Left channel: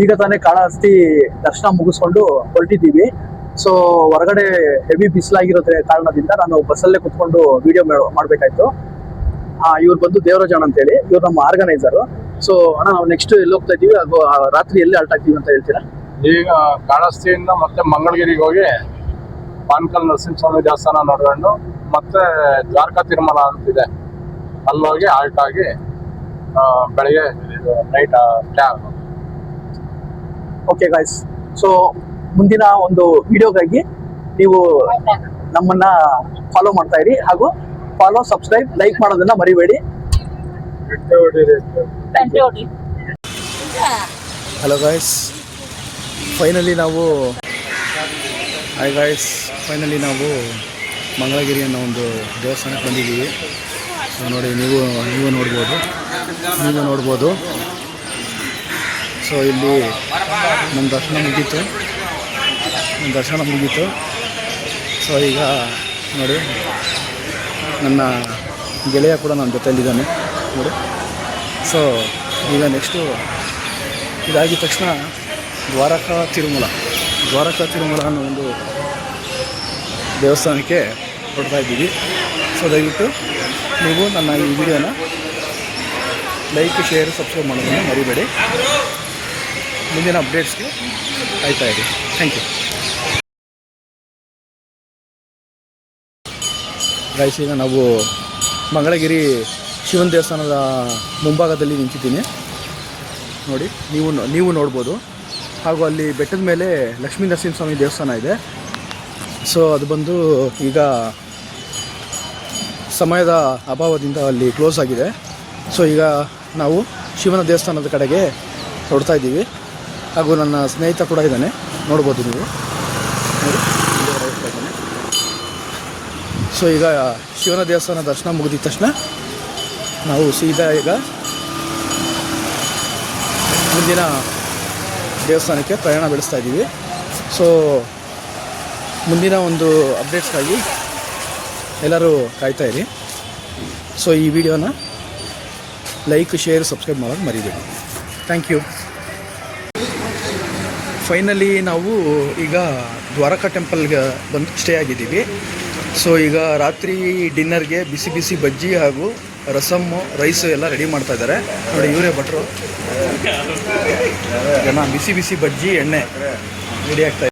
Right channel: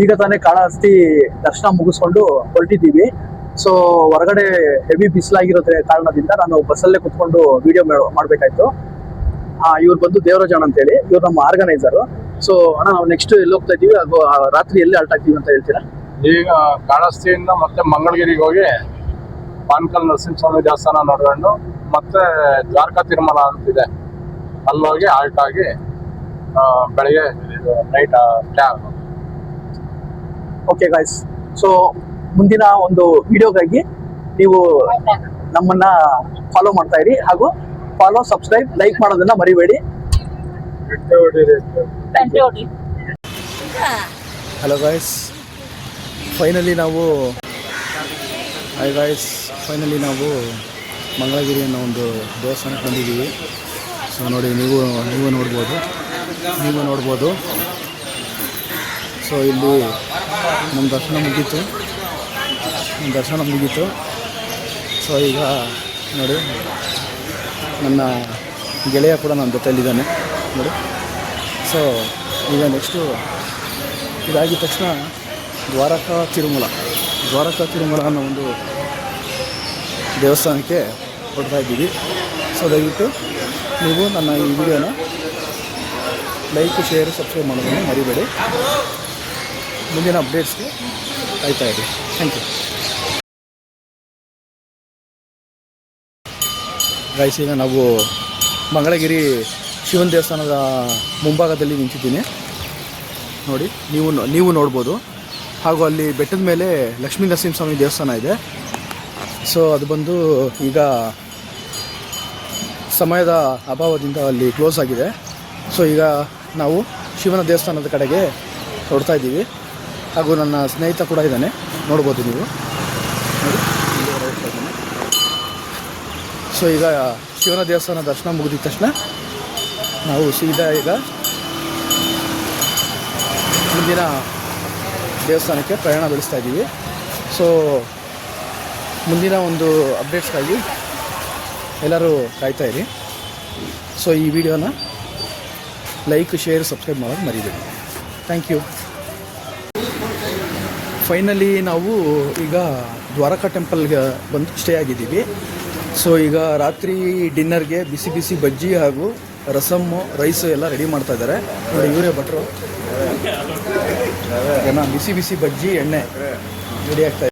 ಈಗ ತಾನೇ ಕಾಳಹಸ್ತಿ ದರ್ಶನ ಮುಗಿಸ್ಕೊಂಡು ಹೊರಟಿದ್ದೀವಿ. ಸೊ ಹೊರಗಡೆ ಹೆವಿ ಬಿಸಿಲಾಗಿರೋ ಕಾರಣದಿಂದ ನಾನು ಬಸ್ಸಲ್ಲೇ ಕುತ್ಕೊಂಡು ವಿಡಿಯೋ ಮಾಡ್ಬೇಕಾಯ್ತು. ಇವ್ರು ಬಂದು ದೇವರಾಜ್ ಅಣ್ಣ ಅಂತೇಳಿ, ಇವ್ರು ನಮ್ಮ ಆರ್ಗನೈಸರ್. ಸೊ ಅಣ್ಣ, ನಾವು ನೆಕ್ಸ್ಟ್ ಎಲ್ಲಿ ಹೋಗ್ತಾ ಇದೀವಿ, ಹಾಗೂ ರಾತ್ರಿ ಎಲ್ಲಿ ಅಲ್ಟ್ ಆಗ್ತೀವಿ ಅಂತ ಹೇಳ್ತೀರಾ? ಈಗ ಕಾಳಹಸ್ತಿಯಿಂದ ಮತ್ತೆ ಮಂಗಳಗಿರಿಗೆ ಹೋಗಿ ಪಾನ್ಕಲ್ ನರಸಿಂಹಸ್ವಾಮಿ ದೇವಸ್ಥಾನ ನೋಡ್ಕೊಂಡು ಮತ್ತೆ ದ್ವಾರಕಾ ತಿರುಮಲ ಅಂತಿದೆ, ಅಲ್ಲಿ ಹೋಗಿ ಆಲ್ಟ್ ಆಗಿ ಬೆಳಗ್ಗೆ ನೈಟ್ ಸ್ಟೇ ಆಗೋದು. ಓಕೆ ಗಾಯ್ಸ್, ಸೊ ಮುಂದಿನ ಒಂದು ವಿಡಿಯೋಗಾಗಿ ನೀವು ನಮ್ಮನ್ನ ಫಾಲೋ ಮಾಡ್ತಾ ಇರಿ, ಹಾಗೂ ಫಾಲೋ, ಸಬ್ಸ್ಕ್ರೈಬ್, ಲೈಕ್ ಮಾಡೋದನ್ನ ಮರಿಬೇಡಿ. ಹಲೋ ಗಾಯ್ಸ್, ಫೈನಲಿ ನಾವು ಮಂಗಳಗಿರಿ ಅನ್ನೋ ಒಂದು ದೇವಸ್ಥಾನಕ್ಕೆ ಬಂದಿದ್ದೀವಿ. ಸೊ ನೋಡಿ, ನೀವು ನೋಡ್ಬೋದು. ಸೊ ಇಲ್ಲಿ ನಮ್ಮ ದರ್ಶನ ಮುಗೀತು. ಸೊ ಈಗ ನೋಡಿ, ನನ್ನ ಗೆಳೆಯ ಕೂಡ ನನ್ನ ಜೊತೆಯಲ್ಲಿದ್ದಾನೆ. ಸೊ ಈಗ ನೆಕ್ಸ್ಟು ಇದಾಗಿದ ತಕ್ಷಣ ದ್ವಾರಕಾ ತಿರುಮಲ ಅನ್ನೋ ಒಂದು ದೇವಸ್ಥಾನಕ್ಕೆ ಹೊರಡ್ತಾ ಇದ್ದೀವಿ. ಸೊ ದಯವಿಟ್ಟು ನೀವು ನನ್ನ ಈ ವಿಡಿಯೋನ ಲೈಕ್, ಶೇರ್, ಸಬ್ಸ್ಕ್ರೈಬ್ ಮಾಡೋದನ್ನು ಮರಿಬೇಡಿ. ಮುಂದಿನ ಅಪ್ಡೇಟ್ಸ್ಗೆ ಆಯ್ತಾ ಇದೆ. Thank you guys. ಈಗ ನಾವು ಮಂಗಳಗಿರಿ ಶಿವನ ದೇವಸ್ಥಾನದ ಮುಂಭಾಗದಲ್ಲಿ ನಿಂತಿದ್ದೀನಿ ನೋಡಿ, ನೀವು ನೋಡ್ಬೋದು. ಹಾಗೂ ಅಲ್ಲಿ ಬೆಟ್ಟದ ಮೇಲೆ ಲಕ್ಷ್ಮೀ ನರಸಿಂಹಸ್ವಾಮಿ ದೇವಸ್ಥಾನ ಇದೆ. ಸೊ ಅದು ಬಂದು ಈಗ ಸಮಯದ ಅಭಾವದಿಂದ ಅಲ್ಲಿ ಕ್ಲೋಸ್ ಆಗಿದೆ. ಸೊ ಈಗ ನಾವು ಶಿವನ ದೇವಸ್ಥಾನದ ಕಡೆಗೆ ಹೊರಡ್ತಾ ಇದ್ದೀವಿ. ಹಾಗೂ ನನ್ನ ಸ್ನೇಹಿತ ಕೂಡ ಇದ್ದಾನೆ, ನೋಡ್ಬೋದು ನೀವು. ಸೊ ಈಗ ಶಿವನ ದೇವಸ್ಥಾನ ದರ್ಶನ ಮುಗಿದ ತಕ್ಷಣ ನಾವು ಸೀದಾ ಈಗ ಮುಂದಿನ ದೇವಸ್ಥಾನಕ್ಕೆ ಪ್ರಯಾಣ ಬೆಳೆಸ್ತಾ ಇದ್ದೀವಿ. ಸೊ ಮುಂದಿನ ಒಂದು ಅಪ್ಡೇಟ್ಸ್ಗಾಗಿ ಎಲ್ಲರೂ ಕಾಯ್ತಾ ಇರಿ. ಸೊ ಈ ವಿಡಿಯೋನ ಲೈಕ್, ಶೇರ್, ಸಬ್ಸ್ಕ್ರೈಬ್ ಮಾಡೋದು ಮರಿಬೇಡಿ. Thank you. ಫೈನಲಿ ನಾವು ಈಗ ದ್ವಾರಕಾ ಟೆಂಪಲ್ಗೆ ಬಂದು ಸ್ಟೇ ಆಗಿದ್ದೀವಿ. ಸೊ ಈಗ ರಾತ್ರಿ ಡಿನ್ನರ್ಗೆ ಬಿಸಿ ಬಜ್ಜಿ ಹಾಗೂ ರಸಮ್ಮು, ರೈಸು ಎಲ್ಲ ರೆಡಿ ಮಾಡ್ತಾ ಇದ್ದಾರೆ ನೋಡಿ. ಇವರೇ ಭಟ್ರು. ಬಿಸಿ ಬಜ್ಜಿ, ಎಣ್ಣೆ ರೆಡಿ ಆಗ್ತಾ ಇದೆ.